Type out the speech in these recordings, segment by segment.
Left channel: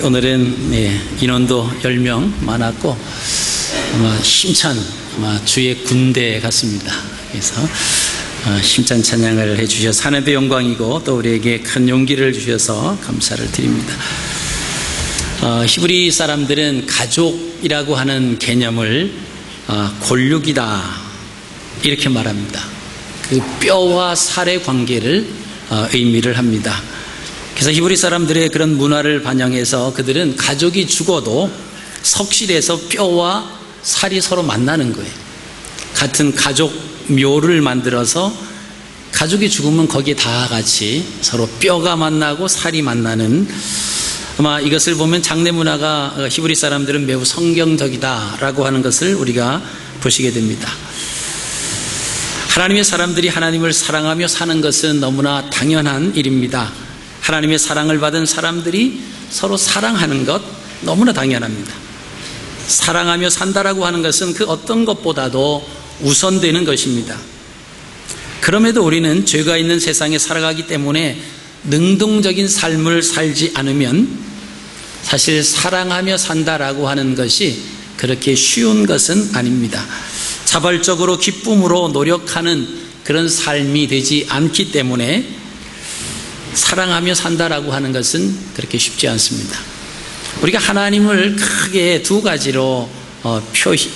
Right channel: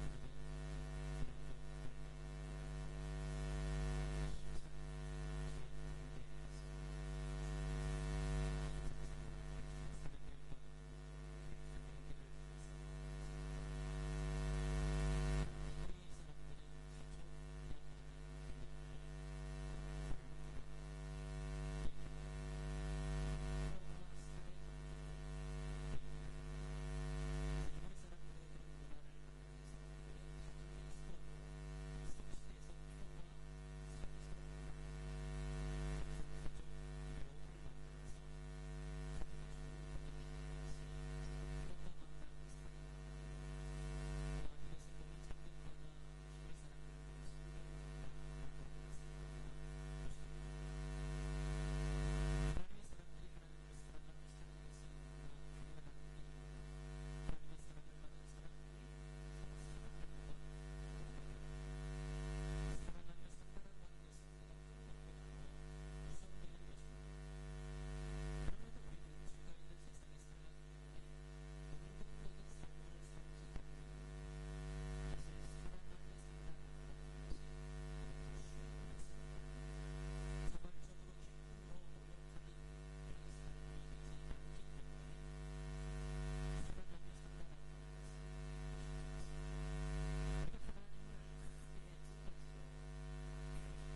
오늘은 인원도 10명 많았고 아마 힘찬 주의 군대 같습니다. 그래서 힘찬 찬양을 해주셔서 하나님의 영광이고 또 우리에게 큰 용기를 주셔서 감사를 드립니다. 히브리 사람들은 가족이라고 하는 개념을 골육이다 이렇게 말합니다. 그 뼈와 살의 관계를 의미를 합니다. 그래서 히브리 사람들의 그런 문화를 반영해서 그들은 가족이 죽어도 석실에서 뼈와 살이 서로 만나는 거예요. 같은 가족 묘를 만들어서 가족이 죽으면 거기에 다 같이 서로 뼈가 만나고 살이 만나는, 아마 이것을 보면 장례 문화가 히브리 사람들은 매우 성경적이다라고 하는 것을 우리가 보시게 됩니다. 하나님의 사람들이 하나님을 사랑하며 사는 것은 너무나 당연한 일입니다. 하나님의 사랑을 받은 사람들이 서로 사랑하는 것 너무나 당연합니다. 사랑하며 산다라고 하는 것은 그 어떤 것보다도 우선되는 것입니다. 그럼에도 우리는 죄가 있는 세상에 살아가기 때문에 능동적인 삶을 살지 않으면 사실 사랑하며 산다라고 하는 것이 그렇게 쉬운 것은 아닙니다. 자발적으로 기쁨으로 노력하는 그런 삶이 되지 않기 때문에 사랑하며 산다라고 하는 것은 그렇게 쉽지 않습니다. 우리가 하나님을 크게 두 가지로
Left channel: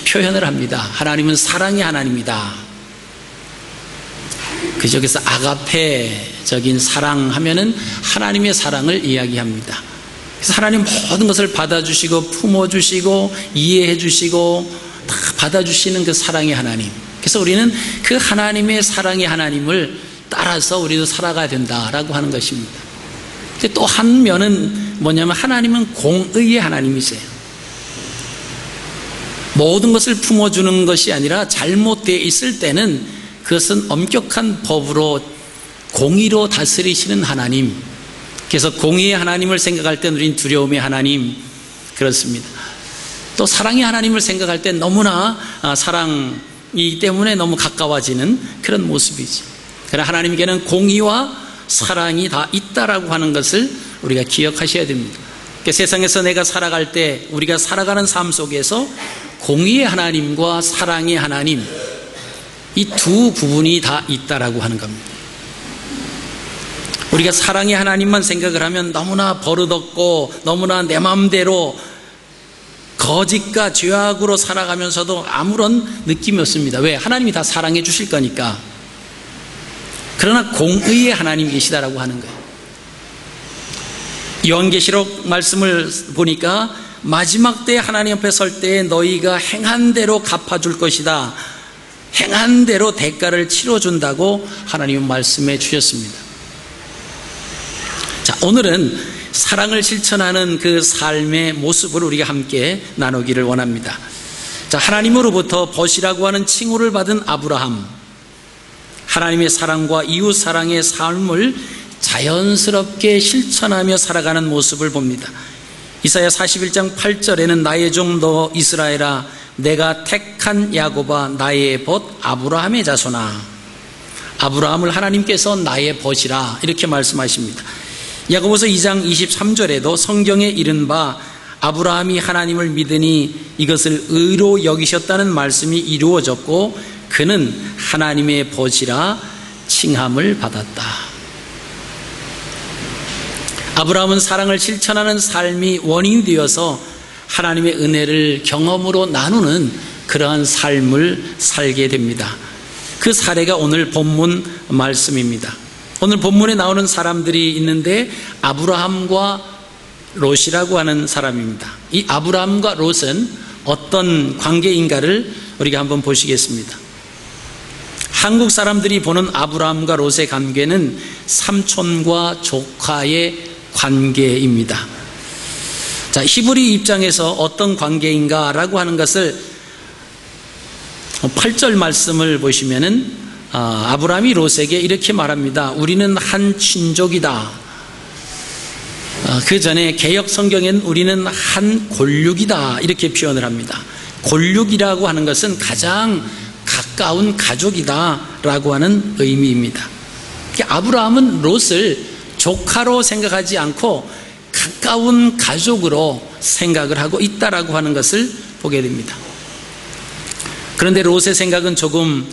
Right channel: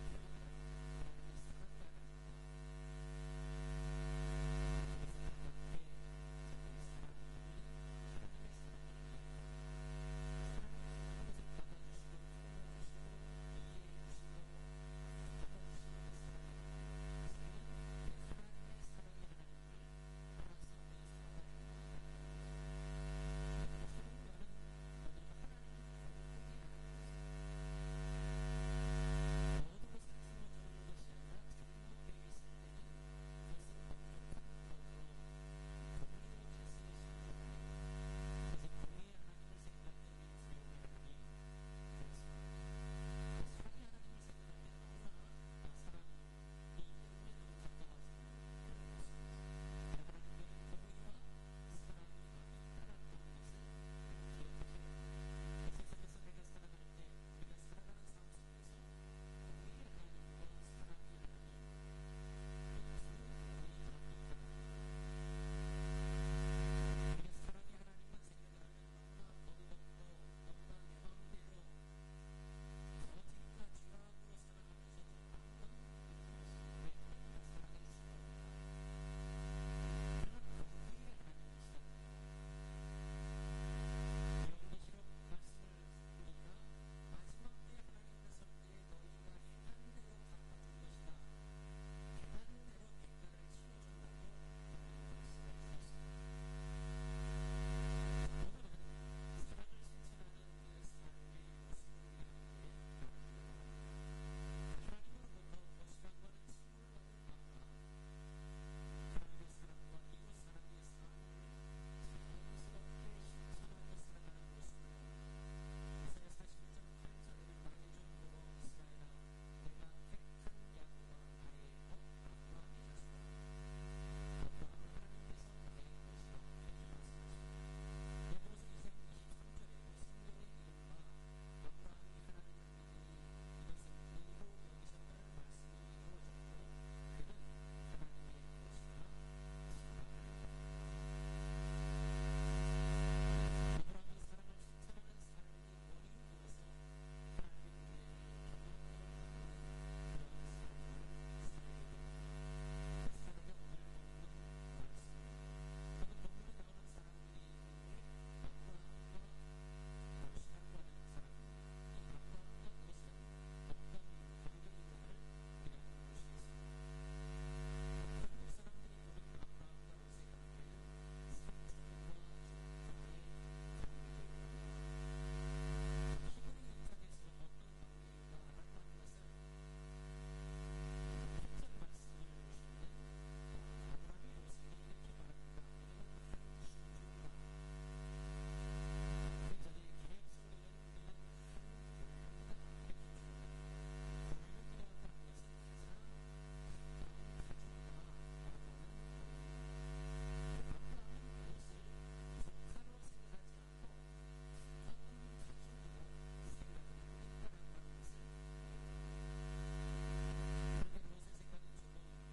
표현을 합니다. 하나님은 사랑의 하나님이다. 그중에서 아가페적인 사랑하면은 하나님의 사랑을 이야기합니다. 그래서 하나님 모든 것을 받아주시고 품어주시고 이해해주시고 다 받아주시는 그 사랑의 하나님. 그래서 우리는 그 하나님의 사랑의 하나님을 따라서 우리도 살아가야 된다라고 하는 것입니다. 또 한 면은 뭐냐면 하나님은 공의의 하나님이세요. 모든 것을 품어주는 것이 아니라 잘못되어 있을 때는 그것은 엄격한 법으로 공의로 다스리시는 하나님. 그래서 공의의 하나님을 생각할 때 우리는 두려움의 하나님, 그렇습니다. 또 사랑의 하나님을 생각할 때 너무나 사랑이기 때문에 너무 가까워지는 그런 모습이지. 그러나 하나님께는 공의와 사랑이 다 있다라고 하는 것을 우리가 기억하셔야 됩니다. 그러니까 세상에서 내가 살아갈 때 우리가 살아가는 삶 속에서 공의의 하나님과 사랑의 하나님, 이 두 부분이 다 있다라고 하는 겁니다. 우리가 사랑의 하나님만 생각을 하면 너무나 버릇없고 너무나 내 마음대로 거짓과 죄악으로 살아가면서도 아무런 느낌이 없습니다. 왜? 하나님이 다 사랑해 주실 거니까. 그러나 공의의 하나님 계시다라고 하는 거예요. 요한계시록 말씀을 보니까 마지막 때 하나님 앞에 설 때 너희가 행한 대로 갚아줄 것이다. 행한 대로 대가를 치러준다고 하나님은 말씀해 주셨습니다. 자, 오늘은 사랑을 실천하는 그 삶의 모습을 우리가 함께 나누기를 원합니다. 자, 하나님으로부터 벗이라고 하는 칭호를 받은 아브라함, 하나님의 사랑과 이웃 사랑의 삶을 자연스럽게 실천하며 살아가는 모습을 봅니다. 이사야 41장 8절에는 나의 종 너 이스라엘아, 내가 택한 야곱아, 나의 벗 아브라함의 자손아. 아브라함을 하나님께서 나의 벗이라 이렇게 말씀하십니다. 야고보서 2장 23절에도 성경에 이른 바 아브라함이 하나님을 믿으니 이것을 의로 여기셨다는 말씀이 이루어졌고 그는 하나님의 벗이라 칭함을 받았다. 아브라함은 사랑을 실천하는 삶이 원인이 되어서 하나님의 은혜를 경험으로 나누는 그러한 삶을 살게 됩니다. 그 사례가 오늘 본문 말씀입니다. 오늘 본문에 나오는 사람들이 있는데 아브라함과 롯이라고 하는 사람입니다. 이 아브라함과 롯은 어떤 관계인가를 우리가 한번 보시겠습니다. 한국 사람들이 보는 아브라함과 롯의 관계는 삼촌과 조카의 관계입니다. 자, 히브리 입장에서 어떤 관계인가라고 하는 것을 8절 말씀을 보시면은 아브라함이 롯에게 이렇게 말합니다. 우리는 한 친족이다. 그 전에 개역 성경에는 우리는 한 골육이다 이렇게 표현을 합니다. 골육이라고 하는 것은 가장 가까운 가족이다 라고 하는 의미입니다. 아브라함은 롯을 조카로 생각하지 않고 가까운 가족으로 생각을 하고 있다라고 하는 것을 보게 됩니다. 그런데 롯의 생각은 조금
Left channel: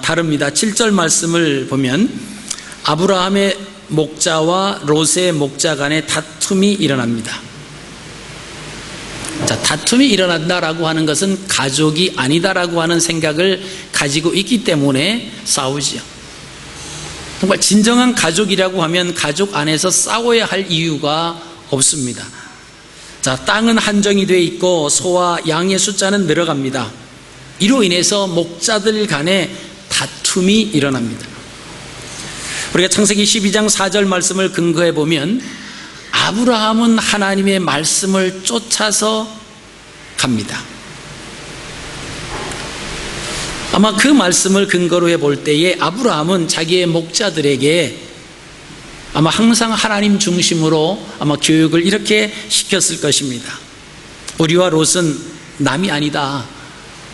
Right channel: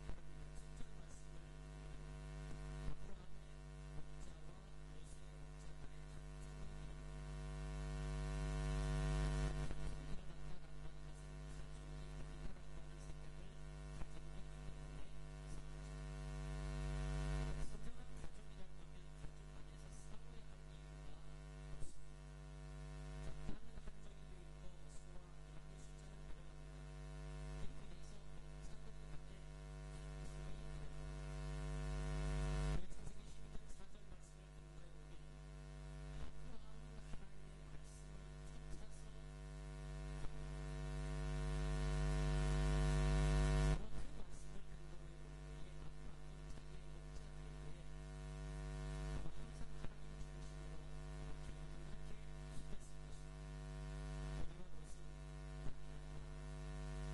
다릅니다. 7절 말씀을 보면 아브라함의 목자와 롯의 목자 간에 다툼이 일어납니다. 자, 다툼이 일어난다라고 하는 것은 가족이 아니다라고 하는 생각을 가지고 있기 때문에 싸우지요. 정말 진정한 가족이라고 하면 가족 안에서 싸워야 할 이유가 없습니다. 자, 땅은 한정이 되어 있고 소와 양의 숫자는 늘어갑니다. 이로 인해서 목자들 간에 다툼이 일어납니다. 우리가 창세기 12장 4절 말씀을 근거해 보면 아브라함은 하나님의 말씀을 쫓아서 갑니다. 아마 그 말씀을 근거로 해볼 때에 아브라함은 자기의 목자들에게 아마 항상 하나님 중심으로 아마 교육을 이렇게 시켰을 것입니다. 우리와 롯은 남이 아니다.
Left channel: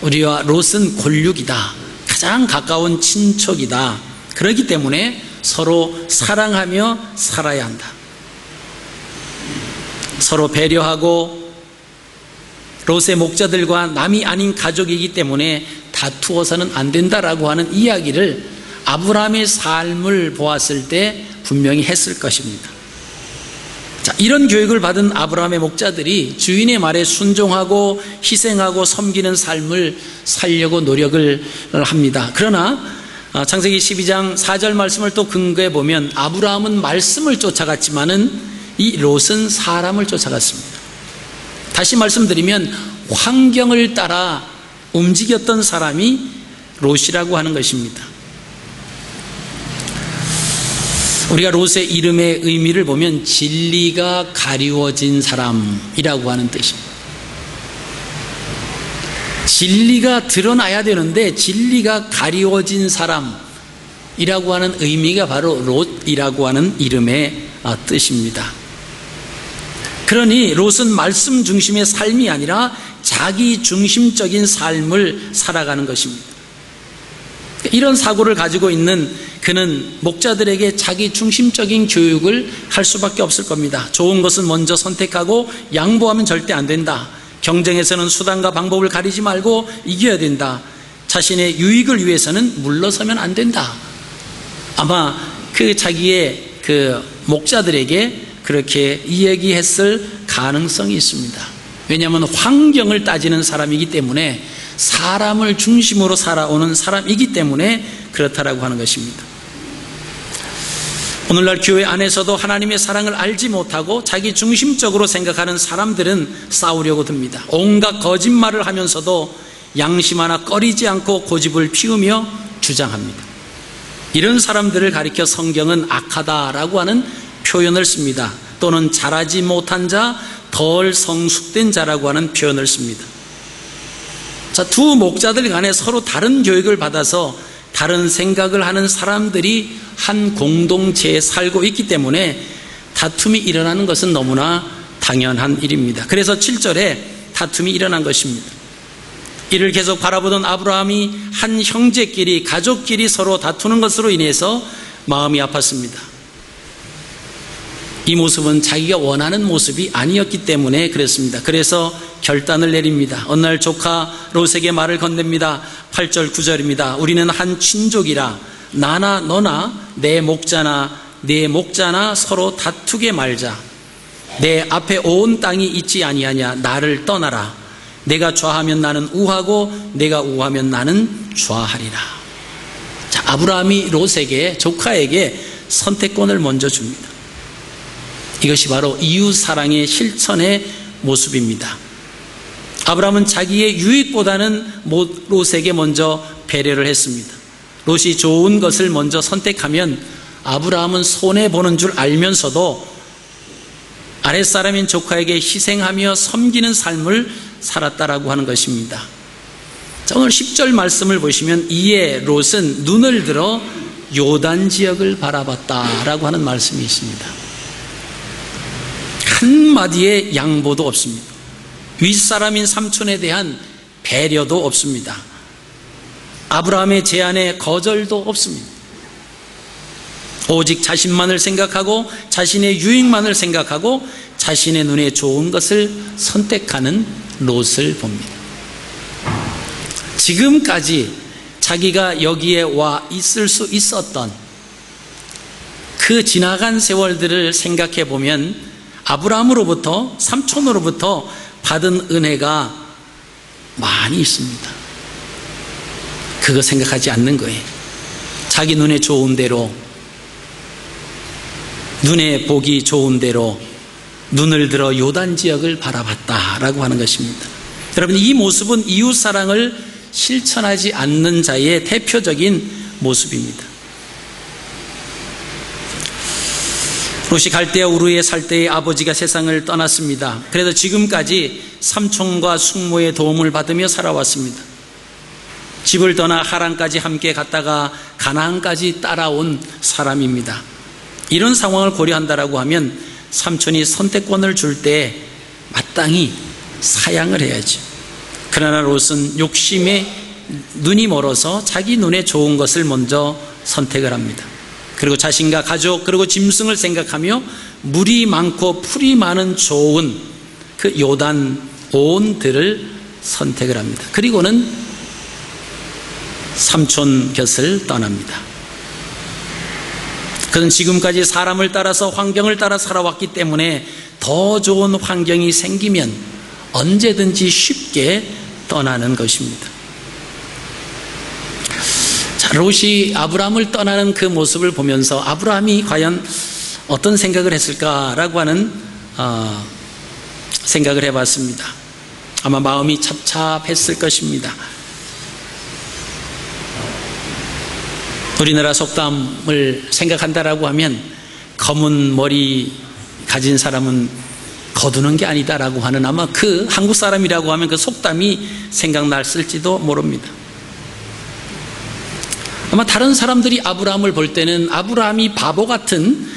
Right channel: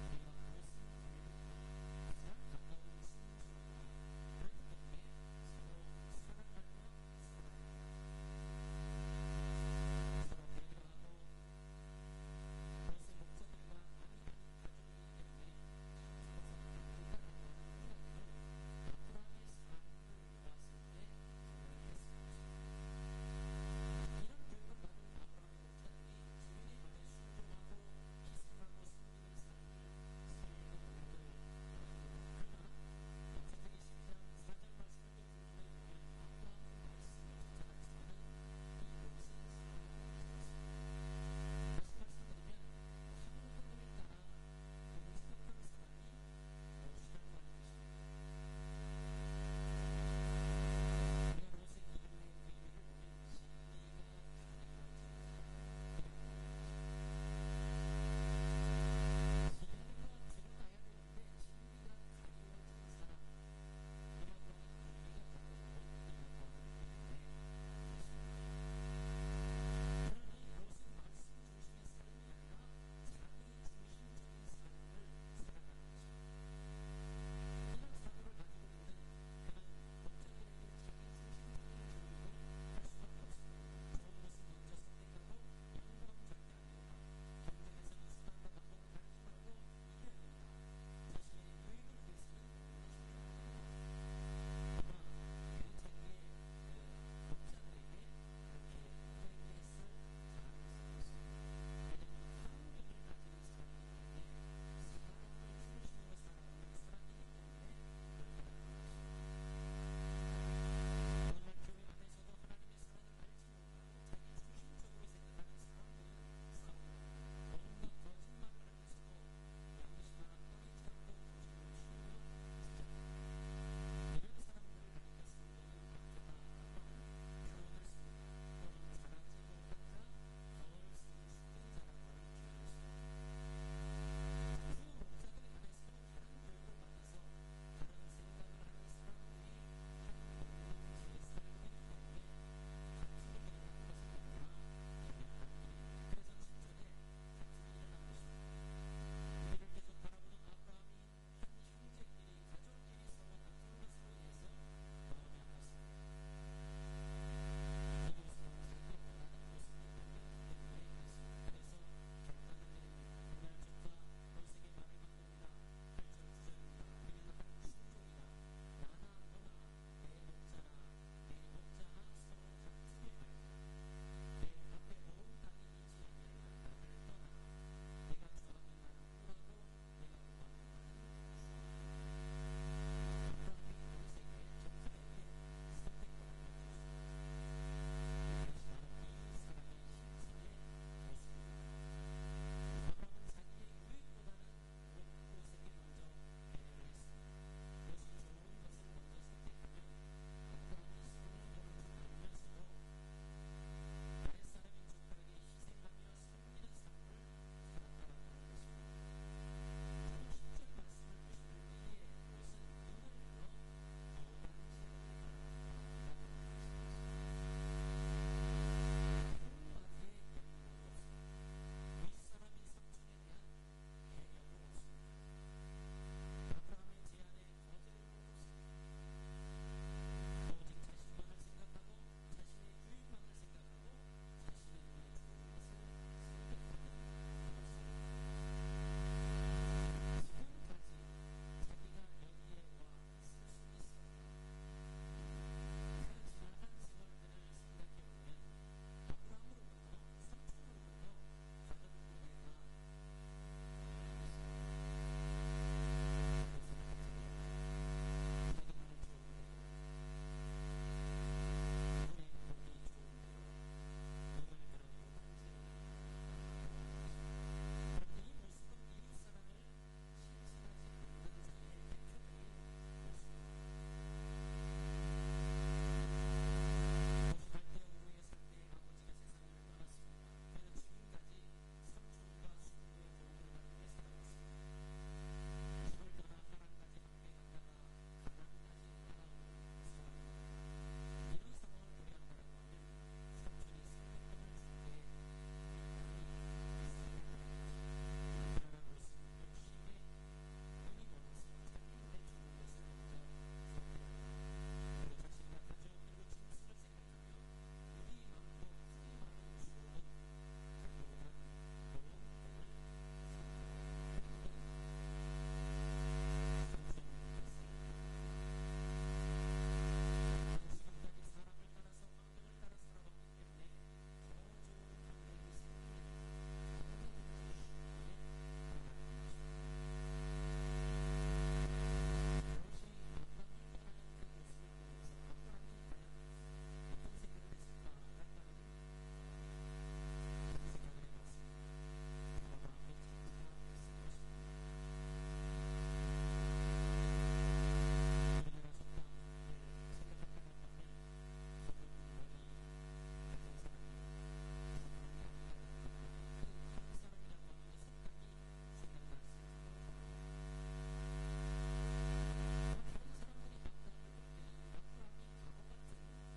우리와 롯은 골육이다. 가장 가까운 친척이다. 그렇기 때문에 서로 사랑하며 살아야 한다. 서로 배려하고 롯의 목자들과 남이 아닌 가족이기 때문에 다투어서는 안 된다라고 하는 이야기를 아브라함의 삶을 보았을 때 분명히 했을 것입니다. 자, 이런 교육을 받은 아브라함의 목자들이 주인의 말에 순종하고 희생하고 섬기는 삶을 살려고 노력을 합니다. 그러나 창세기 12장 4절 말씀을 또 근거해 보면 아브라함은 말씀을 쫓아갔지만은 이 롯은 사람을 쫓아갔습니다. 다시 말씀드리면 환경을 따라 움직였던 사람이 롯이라고 하는 것입니다. 우리가 롯의 이름의 의미를 보면 진리가 가리워진 사람이라고 하는 뜻입니다. 진리가 드러나야 되는데 진리가 가리워진 사람이라고 하는 의미가 바로 롯이라고 하는 이름의 뜻입니다. 그러니 롯은 말씀 중심의 삶이 아니라 자기 중심적인 삶을 살아가는 것입니다. 이런 사고를 가지고 있는 그는 목자들에게 자기 중심적인 교육을 할 수밖에 없을 겁니다. 좋은 것은 먼저 선택하고 양보하면 절대 안 된다. 경쟁에서는 수단과 방법을 가리지 말고 이겨야 된다. 자신의 유익을 위해서는 물러서면 안 된다. 아마 자기의 목자들에게 그렇게 이야기했을 가능성이 있습니다. 왜냐하면 환경을 따지는 사람이기 때문에 사람을 중심으로 살아오는 사람이기 때문에 그렇다라고 하는 것입니다. 오늘날 교회 안에서도 하나님의 사랑을 알지 못하고 자기 중심적으로 생각하는 사람들은 싸우려고 듭니다. 온갖 거짓말을 하면서도 양심 하나 꺼리지 않고 고집을 피우며 주장합니다. 이런 사람들을 가리켜 성경은 악하다라고 하는 표현을 씁니다. 또는 잘하지 못한 자, 덜 성숙된 자라고 하는 표현을 씁니다. 자, 두 목자들 간에 서로 다른 교육을 받아서 다른 생각을 하는 사람들이 한 공동체에 살고 있기 때문에 다툼이 일어나는 것은 너무나 당연한 일입니다. 그래서 7절에 다툼이 일어난 것입니다. 이를 계속 바라보던 아브라함이 한 형제끼리, 가족끼리 서로 다투는 것으로 인해서 마음이 아팠습니다. 이 모습은 자기가 원하는 모습이 아니었기 때문에 그랬습니다. 그래서 결단을 내립니다. 어느 날 조카 롯에게 말을 건넵니다. 8절 9절입니다. 우리는 한 친족이라 나나 너나 내 목자나 네 목자나 서로 다투게 말자. 내 앞에 온 땅이 있지 아니하냐. 나를 떠나라. 내가 좌하면 나는 우하고 내가 우하면 나는 좌하리라. 자, 아브라함이 롯에게, 조카에게 선택권을 먼저 줍니다. 이것이 바로 이웃사랑의 실천의 모습입니다. 아브라함은 자기의 유익보다는 롯에게 먼저 배려를 했습니다. 롯이 좋은 것을 먼저 선택하면 아브라함은 손해보는 줄 알면서도 아랫사람인 조카에게 희생하며 섬기는 삶을 살았다라고 하는 것입니다. 자, 오늘 10절 말씀을 보시면 이에 롯은 눈을 들어 요단 지역을 바라봤다라고 하는 말씀이 있습니다. 한마디의 양보도 없습니다. 윗사람인 삼촌에 대한 배려도 없습니다. 아브라함의 제안에 거절도 없습니다. 오직 자신만을 생각하고 자신의 유익만을 생각하고 자신의 눈에 좋은 것을 선택하는 롯을 봅니다. 지금까지 자기가 여기에 와 있을 수 있었던 그 지나간 세월들을 생각해 보면 아브라함으로부터, 삼촌으로부터 받은 은혜가 많이 있습니다. 그거 생각하지 않는 거예요. 자기 눈에 좋은 대로, 눈에 보기 좋은 대로 눈을 들어 요단 지역을 바라봤다라고 하는 것입니다. 여러분, 이 모습은 이웃사랑을 실천하지 않는 자의 대표적인 모습입니다. 롯이 갈대아 우르에 살 때의 아버지가 세상을 떠났습니다. 그래서 지금까지 삼촌과 숙모의 도움을 받으며 살아왔습니다. 집을 떠나 하란까지 함께 갔다가 가나안까지 따라온 사람입니다. 이런 상황을 고려한다라고 하면 삼촌이 선택권을 줄 때 마땅히 사양을 해야죠. 그러나 롯은 욕심에 눈이 멀어서 자기 눈에 좋은 것을 먼저 선택을 합니다. 그리고 자신과 가족, 그리고 짐승을 생각하며 물이 많고 풀이 많은 좋은 그 요단 온들을 선택을 합니다. 그리고는 삼촌 곁을 떠납니다. 그는 지금까지 사람을 따라서, 환경을 따라 살아왔기 때문에 더 좋은 환경이 생기면 언제든지 쉽게 떠나는 것입니다. 자, 롯이 아브라함을 떠나는 그 모습을 보면서 아브라함이 과연 어떤 생각을 했을까라고 하는 생각을 해봤습니다. 아마 마음이 찹찹했을 것입니다. 우리나라 속담을 생각한다라고 하면 검은 머리 가진 사람은 거두는 게 아니다라고 하는, 아마 그 한국 사람이라고 하면 그 속담이 생각났을지도 모릅니다. 아마 다른 사람들이 아브라함을 볼 때는 아브라함이 바보 같은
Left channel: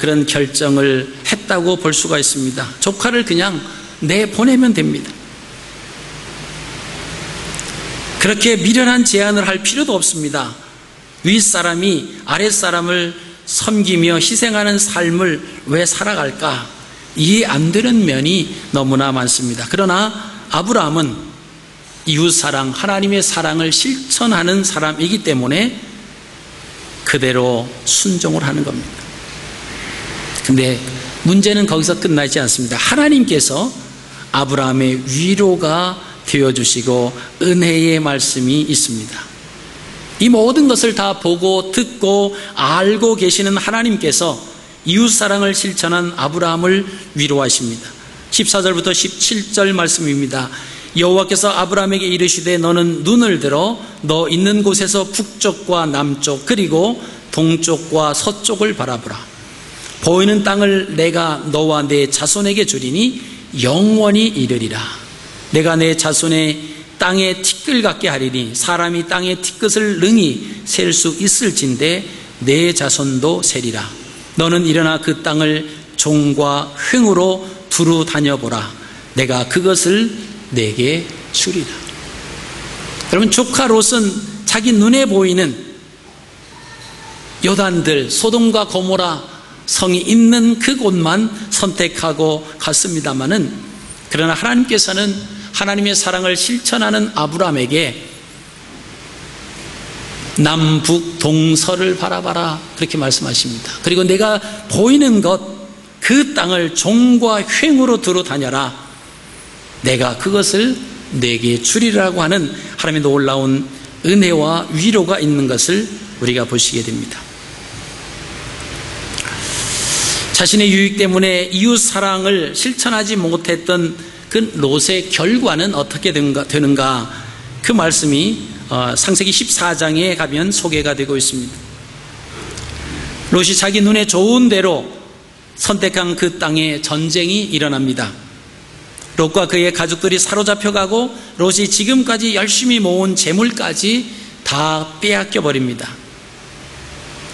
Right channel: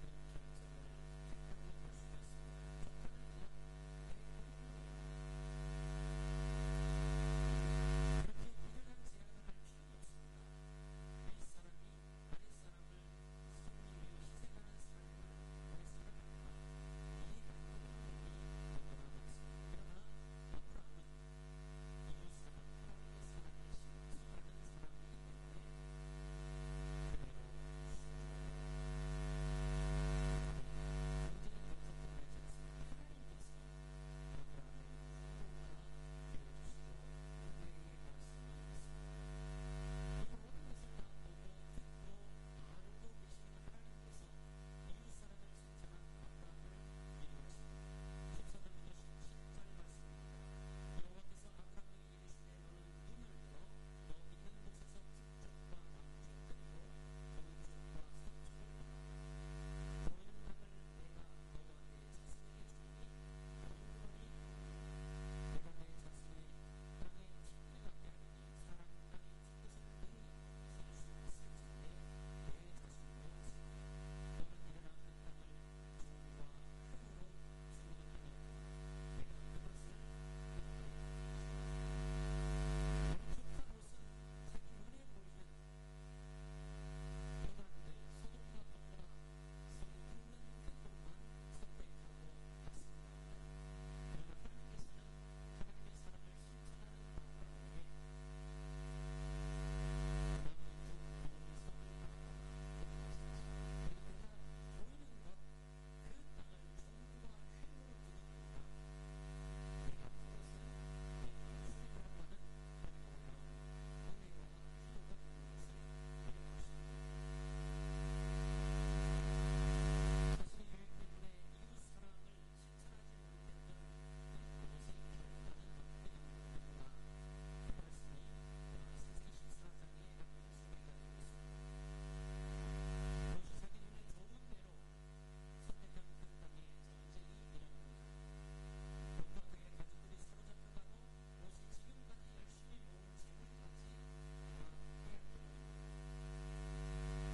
그런 결정을 했다고 볼 수가 있습니다. 조카를 그냥 내보내면 됩니다. 그렇게 미련한 제안을 할 필요도 없습니다. 윗사람이 아랫사람을 섬기며 희생하는 삶을 왜 살아갈까? 이해 안 되는 면이 너무나 많습니다. 그러나 아브라함은 이웃사랑, 하나님의 사랑을 실천하는 사람이기 때문에 그대로 순종을 하는 겁니다. 근데 문제는 거기서 끝나지 않습니다. 하나님께서 아브라함의 위로가 되어주시고 은혜의 말씀이 있습니다. 이 모든 것을 다 보고 듣고 알고 계시는 하나님께서 이웃사랑을 실천한 아브라함을 위로하십니다. 14절부터 17절 말씀입니다. 여호와께서 아브라함에게 이르시되 너는 눈을 들어 너 있는 곳에서 북쪽과 남쪽 그리고 동쪽과 서쪽을 바라보라. 보이는 땅을 내가 너와 내 자손에게 주리니 영원히 이르리라. 내가 내 자손의 땅에 티끌 같게 하리니 사람이 땅의 티끌을 능히 셀 수 있을진데 내 자손도 세리라. 너는 일어나 그 땅을 종과 횡으로 두루 다녀보라. 내가 그것을 내게 주리라. 여러분, 조카 롯은 자기 눈에 보이는 요단들, 소돔과 고모라 성이 있는 그곳만 선택하고 갔습니다마는, 그러나 하나님께서는 하나님의 사랑을 실천하는 아브라함에게 남북 동서를 바라봐라 그렇게 말씀하십니다. 그리고 내가 보이는 것 그 땅을 종과 횡으로 두루 다녀라. 내가 그것을 내게 주리라고 하는 하나님의 놀라운 은혜와 위로가 있는 것을 우리가 보시게 됩니다. 자신의 유익 때문에 이웃 사랑을 실천하지 못했던 그 롯의 결과는 어떻게 되는가? 그 말씀이 창세기 14장에 가면 소개가 되고 있습니다. 롯이 자기 눈에 좋은 대로 선택한 그 땅에 전쟁이 일어납니다. 롯과 그의 가족들이 사로잡혀가고 롯이 지금까지 열심히 모은 재물까지 다 빼앗겨 버립니다.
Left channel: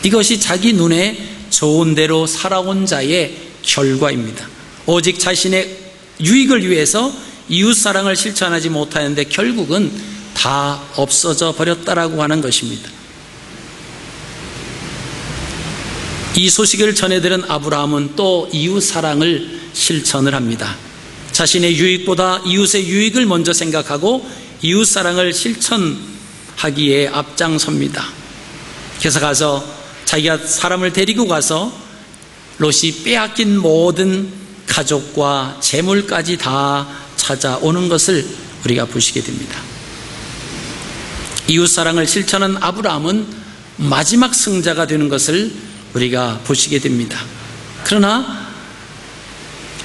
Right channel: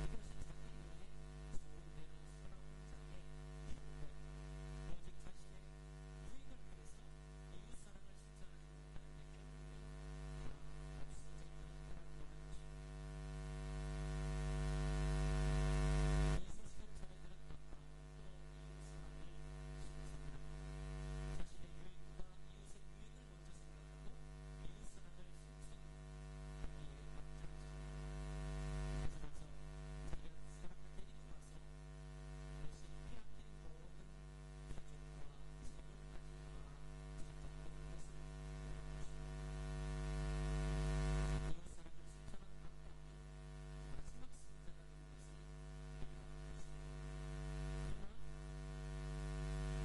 이것이 자기 눈에 좋은 대로 살아온 자의 결과입니다. 오직 자신의 유익을 위해서 이웃사랑을 실천하지 못하는데 결국은 다 없어져 버렸다라고 하는 것입니다. 이 소식을 전해들은 아브라함은 또 이웃 사랑을 실천을 합니다. 자신의 유익보다 이웃의 유익을 먼저 생각하고 이웃 사랑을 실천하기에 앞장섭니다. 그래서 가서 자기가 사람을 데리고 가서 롯이 빼앗긴 모든 가족과 재물까지 다 찾아오는 것을 우리가 보시게 됩니다. 이웃 사랑을 실천한 아브라함은 마지막 승자가 되는 것을 우리가 보시게 됩니다. 그러나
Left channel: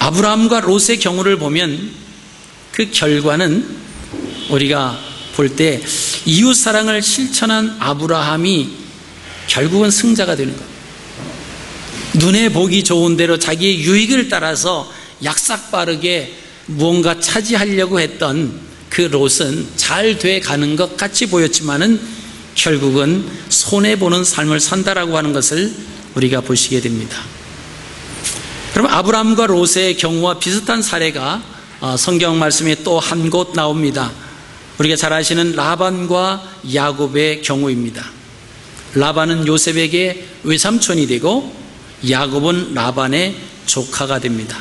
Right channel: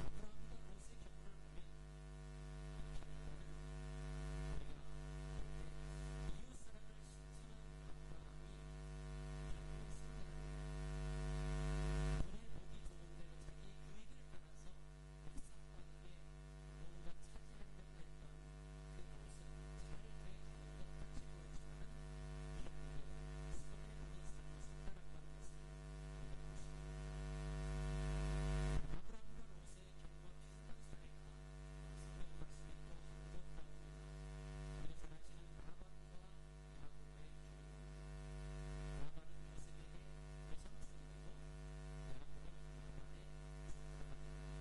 아브라함과 롯의 경우를 보면 그 결과는 우리가 볼 때 이웃 사랑을 실천한 아브라함이 결국은 승자가 되는 것. 눈에 보기 좋은 대로 자기의 유익을 따라서 약삭빠르게 무언가 차지하려고 했던 그 롯은 잘 돼 가는 것 같이 보였지만은 결국은 손해보는 삶을 산다라고 하는 것을 우리가 보시게 됩니다. 그럼 아브라함과 롯의 경우와 비슷한 사례가 성경 말씀에 또 한 곳 나옵니다. 우리가 잘 아시는 라반과 야곱의 경우입니다. 라반은 요셉에게 외삼촌이 되고 야곱은 라반의 조카가 됩니다.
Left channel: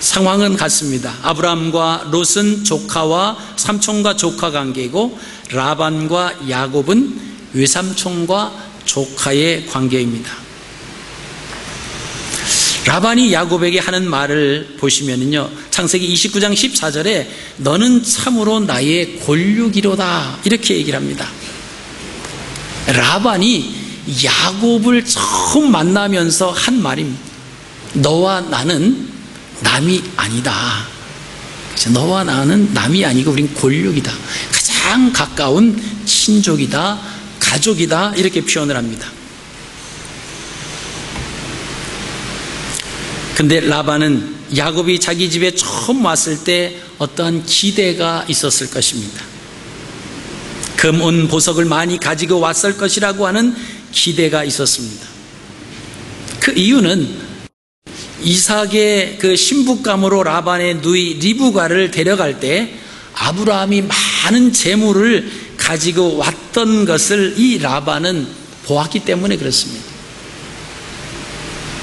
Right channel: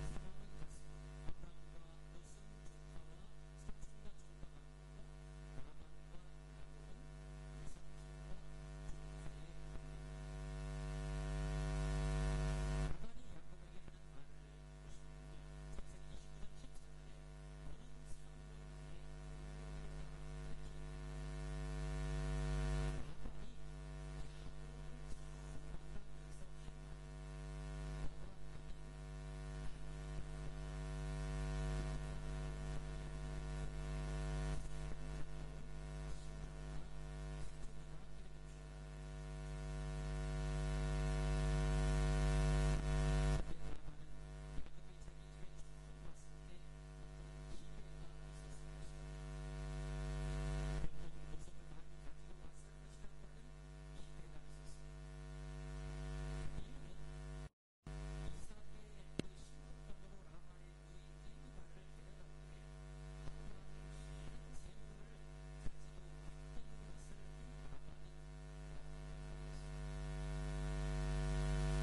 상황은 같습니다. 아브라함과 롯은 조카와 삼촌과 조카 관계이고 라반과 야곱은 외삼촌과 조카의 관계입니다. 라반이 야곱에게 하는 말을 보시면요, 창세기 29장 14절에 너는 참으로 나의 골육이로다 이렇게 얘기를 합니다. 라반이 야곱을 처음 만나면서 한 말입니다. 너와 나는 남이 아니다. 너와 나는 남이 아니고 우린 골육이다. 가장 가까운 친족이다, 가족이다 이렇게 표현을 합니다. 근데 라반은 야곱이 자기 집에 처음 왔을 때 어떠한 기대가 있었을 것입니다. 금, 은, 보석을 많이 가지고 왔을 것이라고 하는 기대가 있었습니다. 그 이유는 이삭의 그 신부감으로 라반의 누이 리브가를 데려갈 때 아브라함이 많은 재물을 가지고 왔던 것을 이 라반은 보았기 때문에 그렇습니다.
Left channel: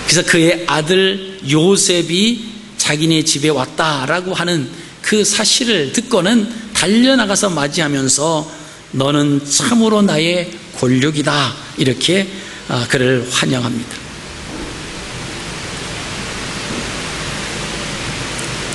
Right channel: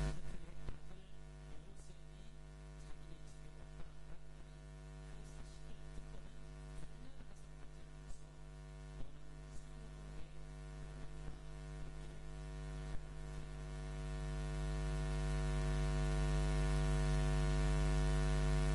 그래서 그의 아들 요셉이 자기네 집에 왔다라고 하는 그 사실을 듣고는 달려나가서 맞이하면서 너는 참으로 나의 골육이다 이렇게 그를 환영합니다.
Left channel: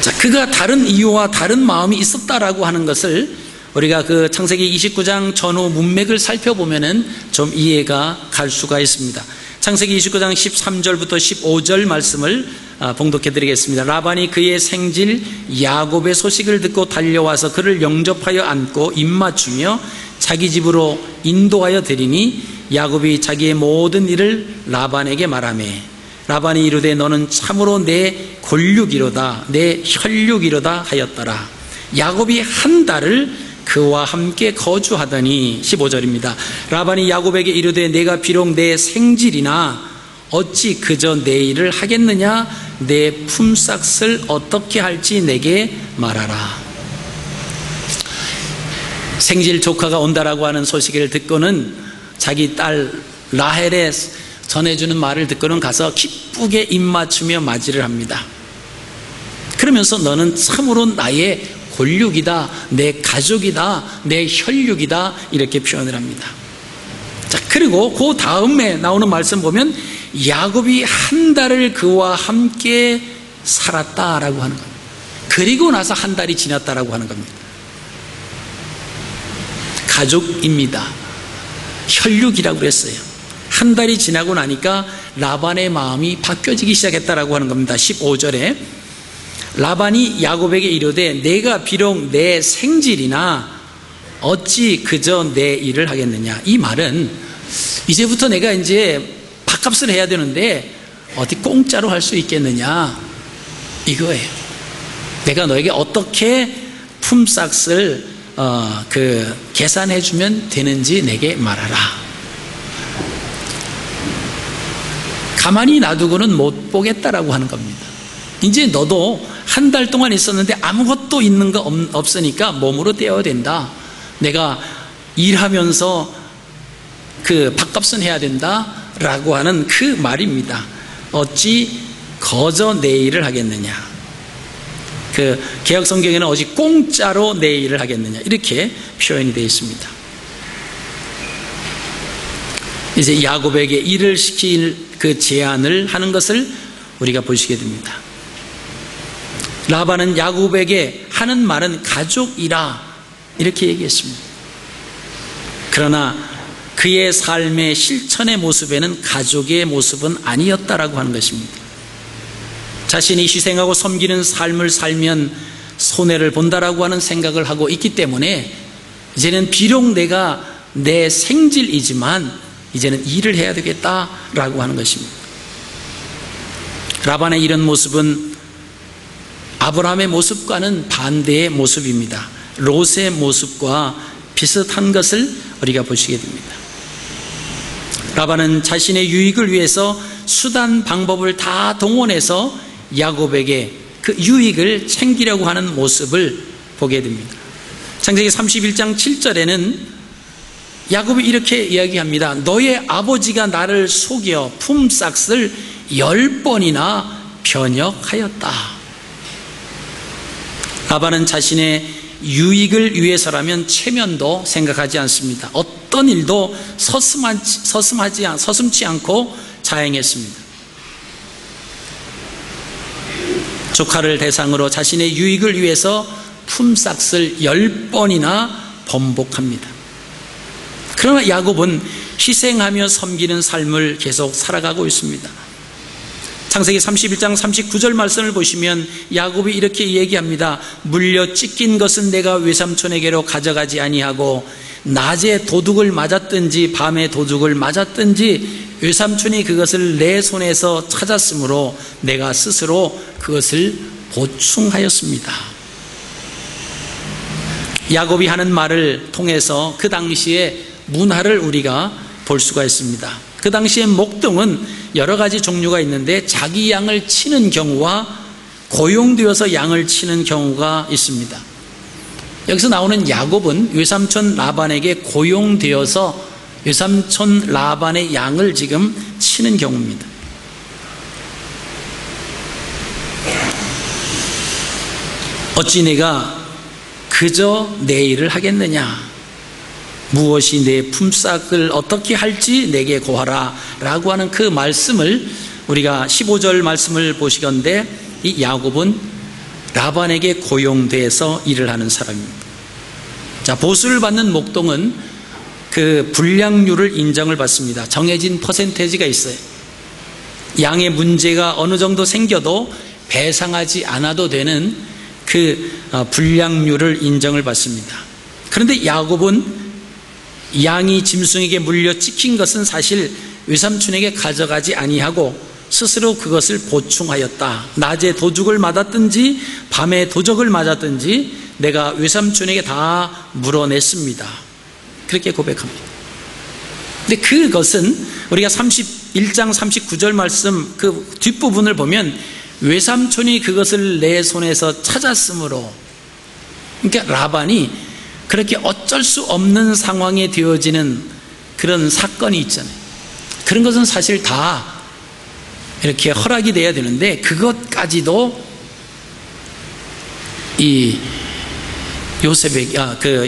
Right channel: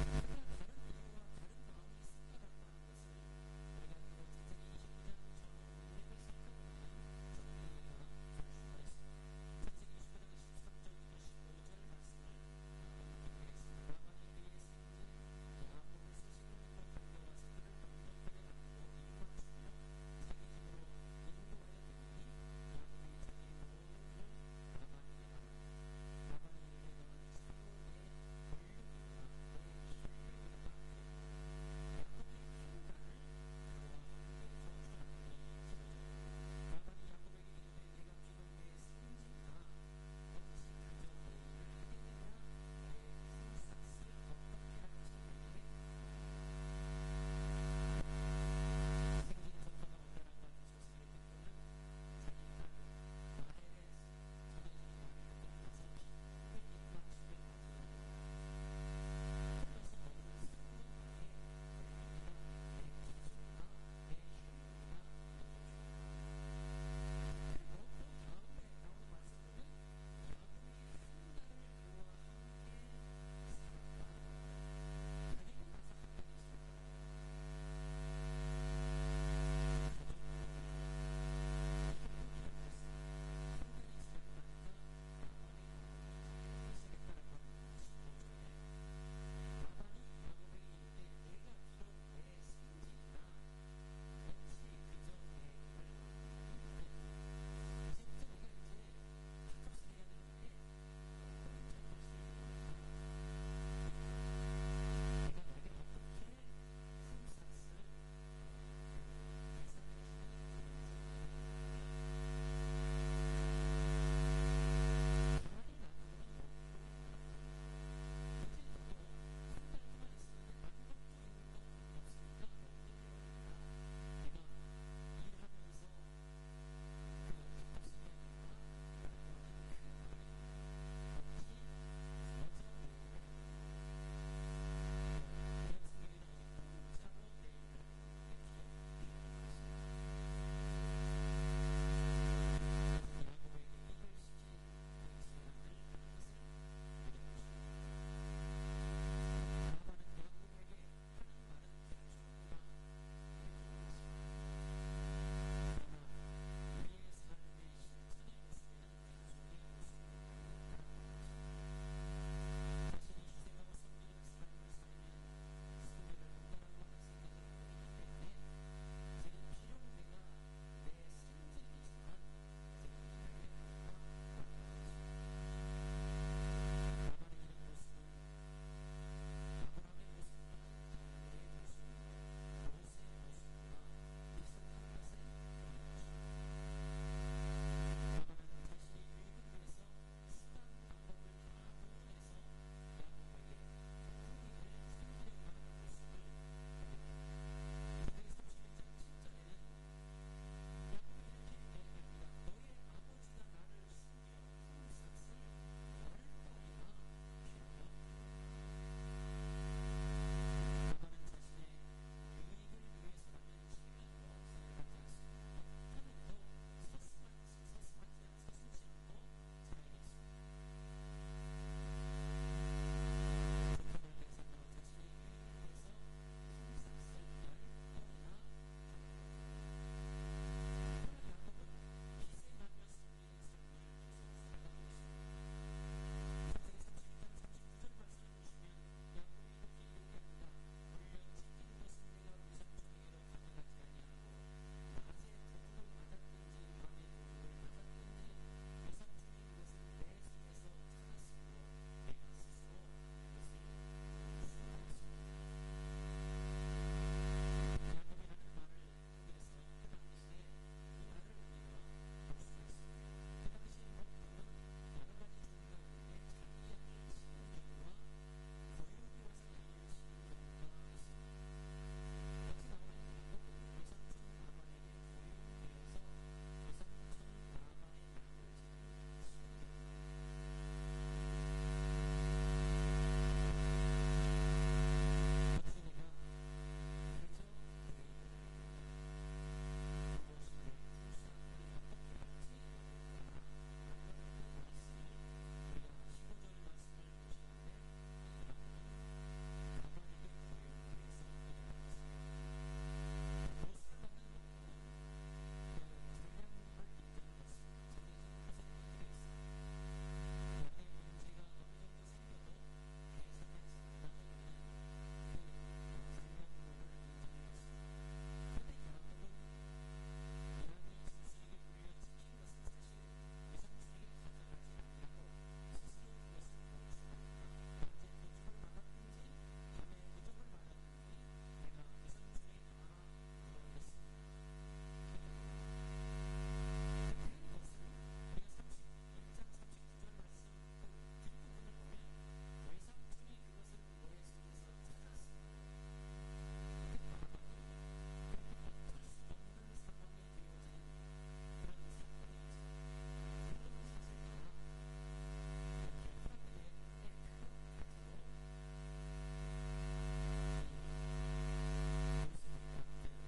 자, 그가 다른 이유와 다른 마음이 있었다라고 하는 것을 우리가 그 창세기 29장 전후 문맥을 살펴보면은 좀 이해가 갈 수가 있습니다. 창세기 29장 13절부터 15절 말씀을 봉독해 드리겠습니다. 라반이 그의 생질 야곱의 소식을 듣고 달려와서 그를 영접하여 안고 입맞추며 자기 집으로 인도하여 드리니 야곱이 자기의 모든 일을 라반에게 말하매 라반이 이르되 너는 참으로 내 골육이로다 내 혈육이로다 하였더라. 야곱이 한 달을 그와 함께 거주하더니 15절입니다. 라반이 야곱에게 이르되 내가 비록 내 생질이나 어찌 그저 내 일을 하겠느냐 내 품삯을 어떻게 할지 내게 말하라. 생질 조카가 온다라고 하는 소식을 듣고는 자기 딸 라헬의 전해주는 말을 듣고는 가서 기쁘게 입맞추며 맞이를 합니다. 그러면서 너는 참으로 나의 골육이다, 내 가족이다, 내 혈육이다 이렇게 표현을 합니다. 자, 그리고 그 다음에 나오는 말씀 보면 야곱이 한 달을 그와 함께 살았다라고 하는 겁니다. 그리고 나서 한 달이 지났다라고 하는 겁니다. 가족입니다. 혈육이라고 그랬어요. 한 달이 지나고 나니까 라반의 마음이 바뀌어지기 시작했다라고 하는 겁니다. 15절에 라반이 야곱에게 이르되 내가 비록 내 생질이나 어찌 그저 내 일을 하겠느냐. 이 말은 이제부터 내가 이제 밥값을 해야 되는데 어디 공짜로 할 수 있겠느냐 이거예요. 내가 너에게 어떻게 품삯을 계산해 주면 되는지 내게 말하라. 가만히 놔두고는 못 보겠다라고 하는 겁니다. 이제 너도 한 달 동안 있었는데 아무것도 있는 거 없으니까 몸으로 떼어야 된다. 내가 일하면서 그 밥값은 해야 된다. 라고 하는 그 말입니다. 어찌 거저 내 일을 하겠느냐. 그 개역 성경에는 어찌 공짜로 내 일을 하겠느냐 이렇게 표현이 되어 있습니다. 이제 야곱에게 일을 시킬 그 제안을 하는 것을 우리가 보시게 됩니다. 라반은 야곱에게 하는 말은 가족이라 이렇게 얘기했습니다. 그러나 그의 삶의 실천의 모습에는 가족의 모습은 아니었다라고 하는 것입니다. 자신이 희생하고 섬기는 삶을 살면 손해를 본다라고 하는 생각을 하고 있기 때문에 이제는 비록 내가 내 생질이지만 이제는 일을 해야 되겠다라고 하는 것입니다. 라반의 이런 모습은 아브라함의 모습과는 반대의 모습입니다. 롯의 모습과 비슷한 것을 우리가 보시게 됩니다. 라반은 자신의 유익을 위해서 수단 방법을 다 동원해서 야곱에게 그 유익을 챙기려고 하는 모습을 보게 됩니다. 창세기 31장 7절에는 야곱이 이렇게 이야기합니다. 너의 아버지가 나를 속여 품삯을 10번이나 변역하였다. 라반은 자신의 유익을 위해서라면 체면도 생각하지 않습니다. 어떤 일도 서슴지 않고 자행했습니다. 조카를 대상으로 자신의 유익을 위해서 품삯을 10번이나 번복합니다. 그러나 야곱은 희생하며 섬기는 삶을 계속 살아가고 있습니다. 창세기 31장 39절 말씀을 보시면 야곱이 이렇게 얘기합니다. 물려 찢긴 것은 내가 외삼촌에게로 가져가지 아니하고 낮에 도둑을 맞았든지 밤에 도둑을 맞았든지 외삼촌이 그것을 내 손에서 찾았으므로 내가 스스로 그것을 보충하였습니다. 야곱이 하는 말을 통해서 그 당시의 문화를 우리가 볼 수가 있습니다. 그 당시에 목동은 여러 가지 종류가 있는데 자기 양을 치는 경우와 고용되어서 양을 치는 경우가 있습니다. 여기서 나오는 야곱은 외삼촌 라반에게 고용되어서 외삼촌 라반의 양을 지금 치는 경우입니다. 어찌 내가 그저 내 일을 하겠느냐, 무엇이 내 품삯을 어떻게 할지 내게 고하라 라고 하는 그 말씀을 우리가 15절 말씀을 보시건대 이 야곱은 라반에게 고용돼서 일을 하는 사람입니다. 자, 보수를 받는 목동은 그 분량률을 인정을 받습니다. 정해진 퍼센테이지가 있어요. 양의 문제가 어느 정도 생겨도 배상하지 않아도 되는 그 분량률을 인정을 받습니다. 그런데 야곱은 양이 짐승에게 물려 찍힌 것은 사실 외삼촌에게 가져가지 아니하고 스스로 그것을 보충하였다. 낮에 도둑을 맞았든지 밤에 도적을 맞았든지 내가 외삼촌에게 다 물어냈습니다. 그렇게 고백합니다. 근데 그것은 우리가 31장 39절 말씀 그 뒷부분을 보면 외삼촌이 그것을 내 손에서 찾았으므로, 그러니까 라반이 그렇게 어쩔 수 없는 상황에 되어지는 그런 사건이 있잖아요. 그런 것은 사실 다 이렇게 허락이 돼야 되는데 그것까지도 이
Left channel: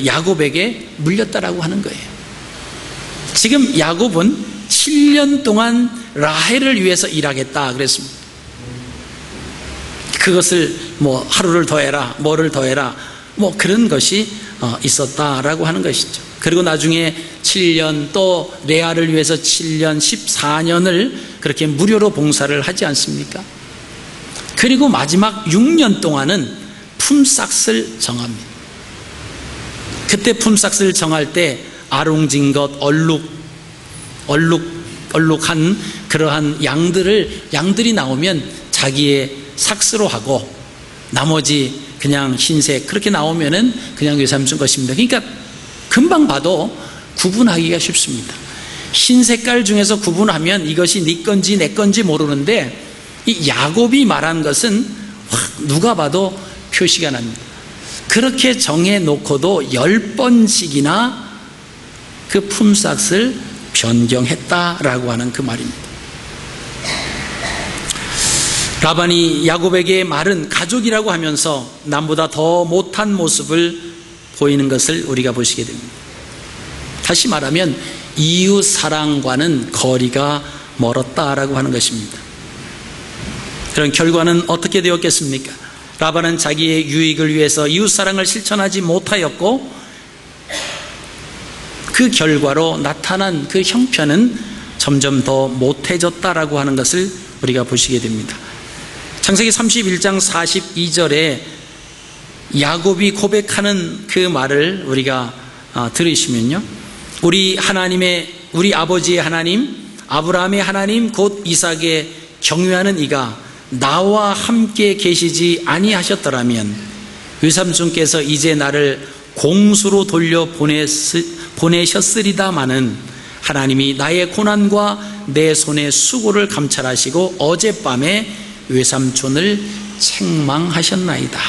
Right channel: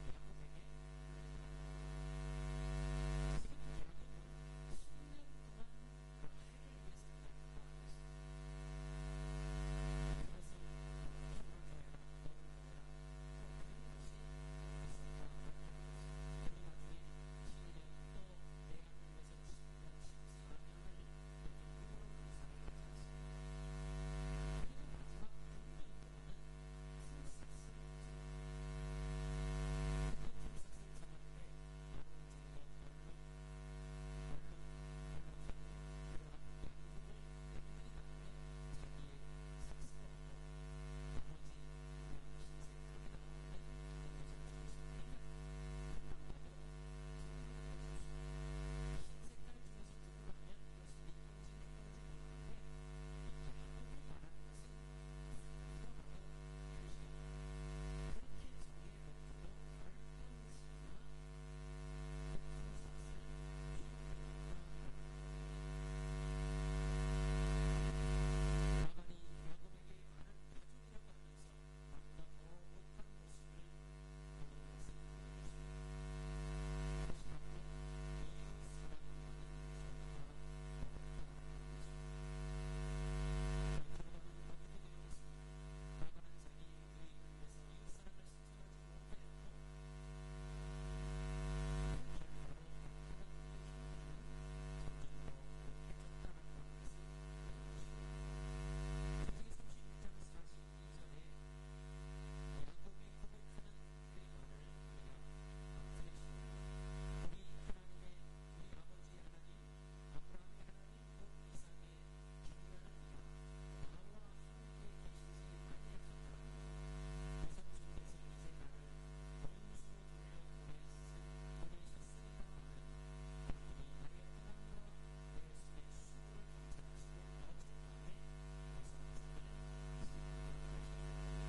야곱에게 물렸다라고 하는 거예요. 지금 야곱은 7년 동안 라헬을 위해서 일하겠다 그랬습니다. 그것을 뭐 하루를 더해라, 뭐를 더해라, 뭐 그런 것이 있었다라고 하는 것이죠. 그리고 나중에 7년 또 레아를 위해서 7년 14년을 그렇게 무료로 봉사를 하지 않습니까? 그리고 마지막 6년 동안은 품삯을 정합니다. 그때 품삯을 정할 때 아롱진 것, 얼룩한 그러한 양들이 나오면 자기의 삭스로 하고 나머지 그냥 흰색 그렇게 나오면은 그냥 외삼촌 것입니다. 그러니까 금방 봐도 구분하기가 쉽습니다. 흰 색깔 중에서 구분하면 이것이 네 건지 내 건지 모르는데 이 야곱이 말한 것은 누가 봐도 표시가 납니다. 그렇게 정해놓고도 10번씩이나 그 품삯을 변경했다라고 하는 그 말입니다. 라반이 야곱에게 말은 가족이라고 하면서 남보다 더 못한 모습을 보이는 것을 우리가 보시게 됩니다. 다시 말하면 이웃 사랑과는 거리가 멀었다라고 하는 것입니다. 그런 결과는 어떻게 되었겠습니까? 라반은 자기의 유익을 위해서 이웃 사랑을 실천하지 못하였고, 그 결과로 나타난 그 형편은 점점 더 못해졌다라고 하는 것을 우리가 보시게 됩니다. 창세기 31장 42절에 야곱이 고백하는 그 말을 우리가 들으시면요, 우리 아버지의 하나님, 아브라함의 하나님 곧 이삭의 경외하는 이가 나와 함께 계시지 아니하셨더라면 외삼촌께서 이제 나를 공수로 돌려 보내셨으리다마는 하나님이 나의 고난과 내 손의 수고를 감찰하시고 어젯밤에 외삼촌을 책망하셨나이다.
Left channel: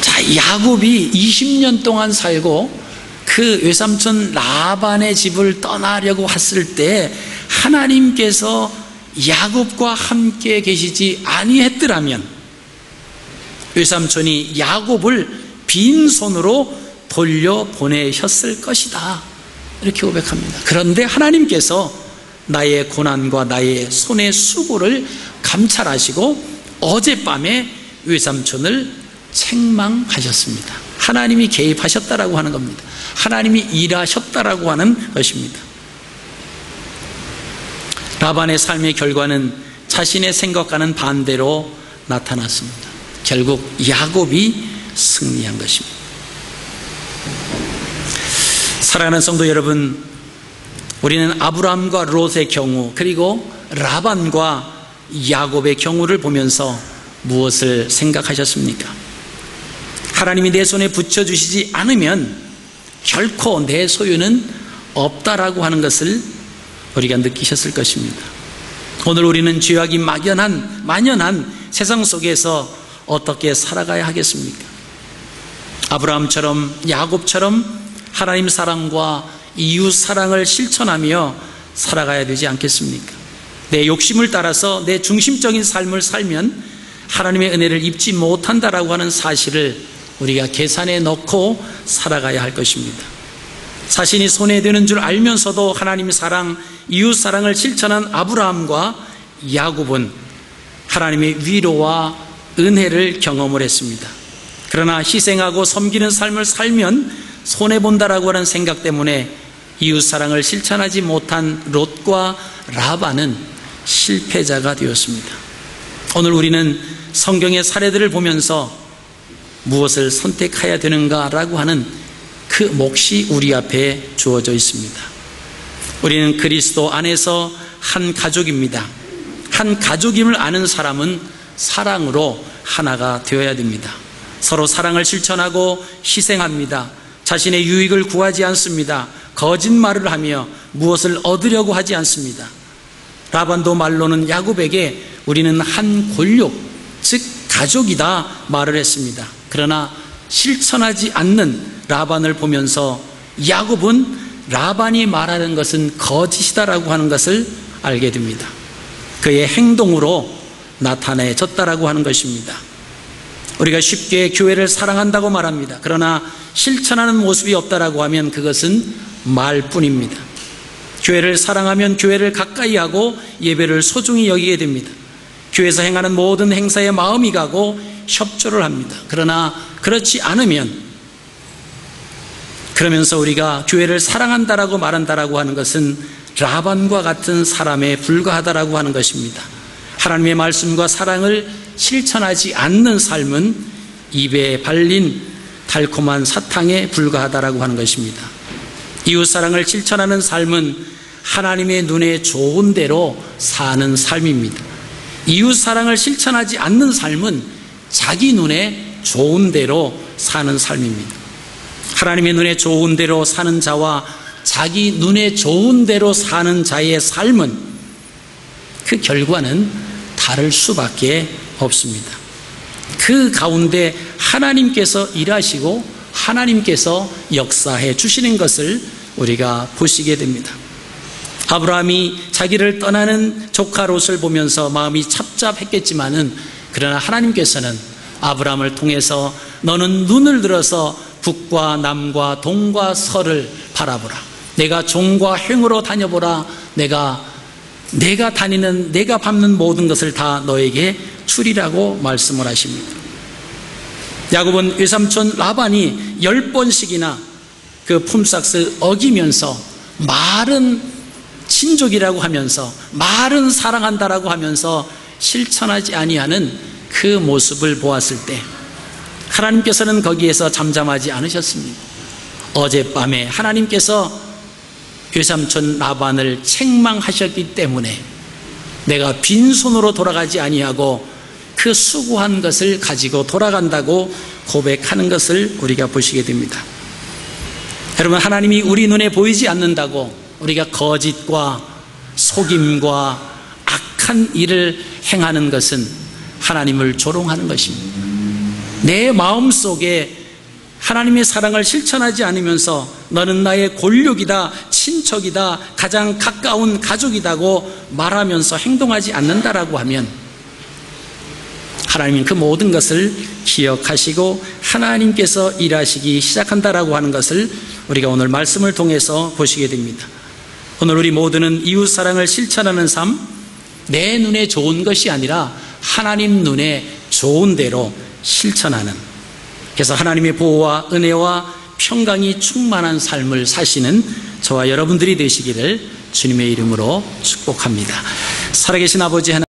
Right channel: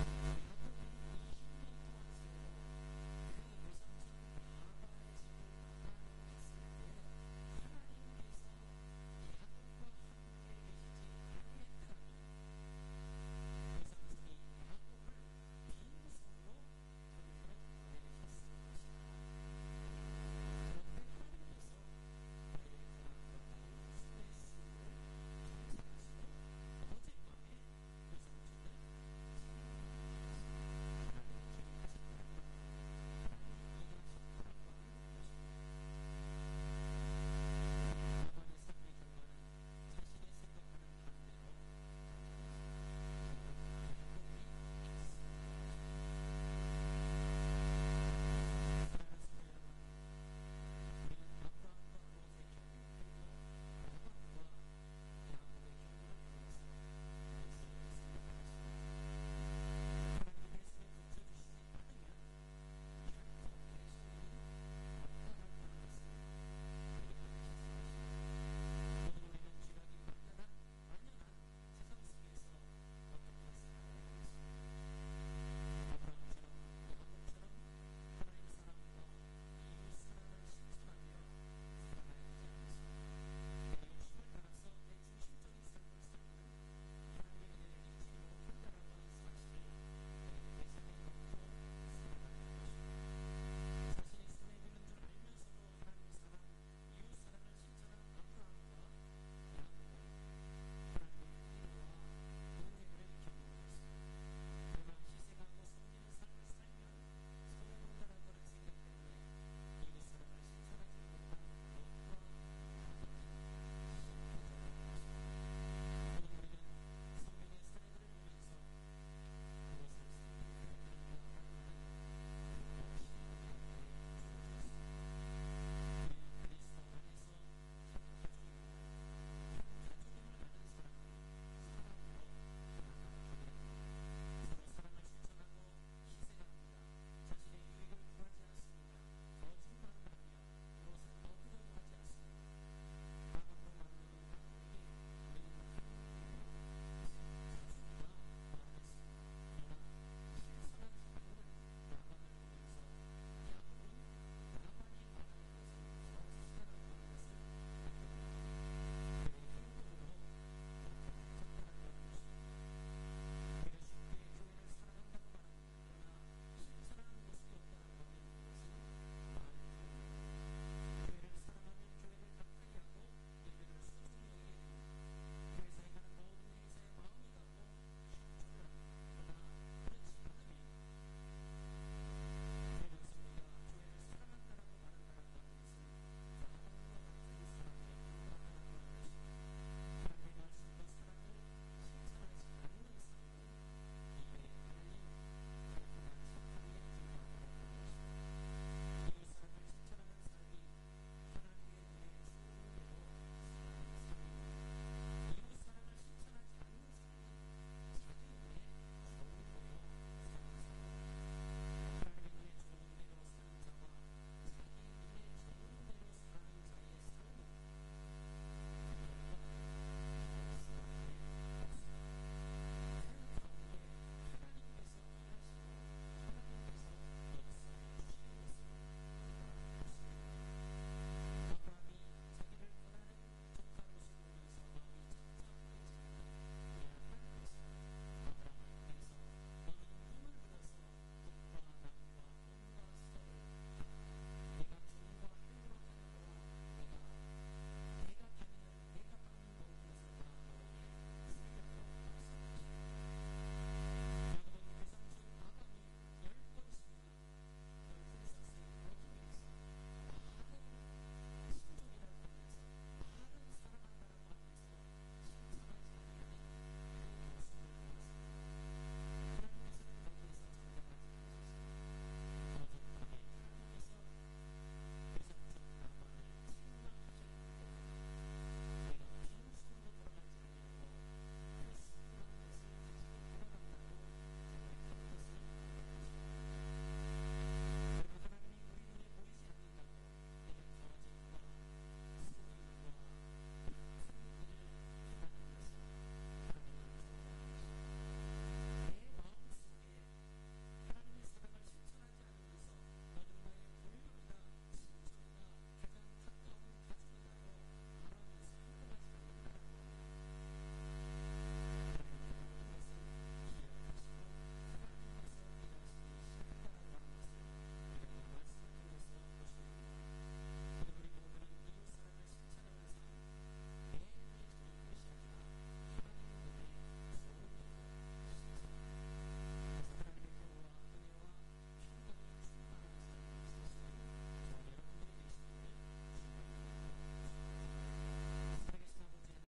자, 야곱이 20년 동안 살고 그 외삼촌 라반의 집을 떠나려고 했을 때 하나님께서 야곱과 함께 계시지 아니했더라면 외삼촌이 야곱을 빈손으로 돌려보내셨을 것이다, 이렇게 고백합니다. 그런데 하나님께서 나의 고난과 나의 손의 수고를 감찰하시고 어젯밤에 외삼촌을 책망하셨습니다. 하나님이 개입하셨다라고 하는 겁니다. 하나님이 일하셨다라고 하는 것입니다. 라반의 삶의 결과는 자신의 생각과는 반대로 나타났습니다. 결국 야곱이 승리한 것입니다. 사랑하는 성도 여러분, 우리는 아브라함과 롯의 경우, 그리고 라반과 야곱의 경우를 보면서 무엇을 생각하셨습니까? 하나님이 내 손에 붙여주시지 않으면 결코 내 소유는 없다라고 하는 것을 우리가 느끼셨을 것입니다. 오늘 우리는 죄악이 만연한 세상 속에서 어떻게 살아가야 하겠습니까? 아브라함처럼 야곱처럼 하나님 사랑과 이웃 사랑을 실천하며 살아가야 되지 않겠습니까? 내 욕심을 따라서 내 중심적인 삶을 살면 하나님의 은혜를 입지 못한다라고 하는 사실을 우리가 계산해 넣고 살아가야 할 것입니다. 자신이 손해되는 줄 알면서도 하나님 사랑, 이웃 사랑을 실천한 아브라함과 야곱은 하나님의 위로와 은혜를 경험을 했습니다. 그러나 희생하고 섬기는 삶을 살면 손해본다라고 하는 생각 때문에 이웃 사랑을 실천하지 못한 롯과 라반은 실패자가 되었습니다. 오늘 우리는 성경의 사례들을 보면서 무엇을 선택해야 되는가라고 하는 그 몫이 우리 앞에 주어져 있습니다. 우리는 그리스도 안에서 한 가족입니다. 한 가족임을 아는 사람은 사랑으로 하나가 되어야 됩니다. 서로 사랑을 실천하고 희생합니다. 자신의 유익을 구하지 않습니다. 거짓말을 하며 무엇을 얻으려고 하지 않습니다. 라반도 말로는 야곱에게 우리는 한 골육, 즉 가족이다 말을 했습니다. 그러나 실천하지 않는 라반을 보면서 야곱은 라반이 말하는 것은 거짓이다라고 하는 것을 알게 됩니다. 그의 행동으로 나타내졌다라고 하는 것입니다. 우리가 쉽게 교회를 사랑한다고 말합니다. 그러나 실천하는 모습이 없다라고 하면 그것은 말뿐입니다. 교회를 사랑하면 교회를 가까이 하고 예배를 소중히 여기게 됩니다. 교회에서 행하는 모든 행사에 마음이 가고 협조를 합니다. 그러나 그렇지 않으면, 그러면서 우리가 교회를 사랑한다라고 말한다라고 하는 것은 라반과 같은 사람에 불과하다라고 하는 것입니다. 하나님의 말씀과 사랑을 실천하지 않는 삶은 입에 발린 달콤한 사탕에 불과하다라고 하는 것입니다. 이웃사랑을 실천하는 삶은 하나님의 눈에 좋은 대로 사는 삶입니다. 이웃사랑을 실천하지 않는 삶은 자기 눈에 좋은 대로 사는 삶입니다. 하나님의 눈에 좋은 대로 사는 자와 자기 눈에 좋은 대로 사는 자의 삶은 그 결과는 다를 수밖에 없습니다. 그 가운데 하나님께서 일하시고 하나님께서 역사해 주시는 것을 우리가 보시게 됩니다. 아브라함이 자기를 떠나는 조카 롯을 보면서 마음이 찹찹했겠지만은 그러나 하나님께서는 아브라함을 통해서 너는 눈을 들어서 북과 남과 동과 서를 바라보라. 내가 종과 행으로 다녀보라. 내가 다니는 내가 밟는 모든 것을 다 너에게 주리라고 말씀을 하십니다. 야곱은 외삼촌 라반이 10번씩이나 그 품삯을 어기면서 말은 친족이라고 하면서 말은 사랑한다라고 하면서 실천하지 아니하는 그 모습을 보았을 때 하나님께서는 거기에서 잠잠하지 않으셨습니다. 어젯밤에 하나님께서 외삼촌 라반을 책망하셨기 때문에 내가 빈손으로 돌아가지 아니하고 그 수고한 것을 가지고 돌아간다고 고백하는 것을 우리가 보시게 됩니다. 여러분, 하나님이 우리 눈에 보이지 않는다고 우리가 거짓과 속임과 악한 일을 행하는 것은 하나님을 조롱하는 것입니다. 내 마음속에 하나님의 사랑을 실천하지 않으면서 너는 나의 골육이다, 친척이다, 가장 가까운 가족이다고 말하면서 행동하지 않는다라고 하면 하나님은 그 모든 것을 기억하시고 하나님께서 일하시기 시작한다라고 하는 것을 우리가 오늘 말씀을 통해서 보시게 됩니다. 오늘 우리 모두는 이웃사랑을 실천하는 삶, 내 눈에 좋은 것이 아니라 하나님 눈에 좋은 대로 실천하는, 그래서 하나님의 보호와 은혜와 평강이 충만한 삶을 사시는 저와 여러분들이 되시기를 주님의 이름으로 축복합니다. 살아계신 아버지 하나님,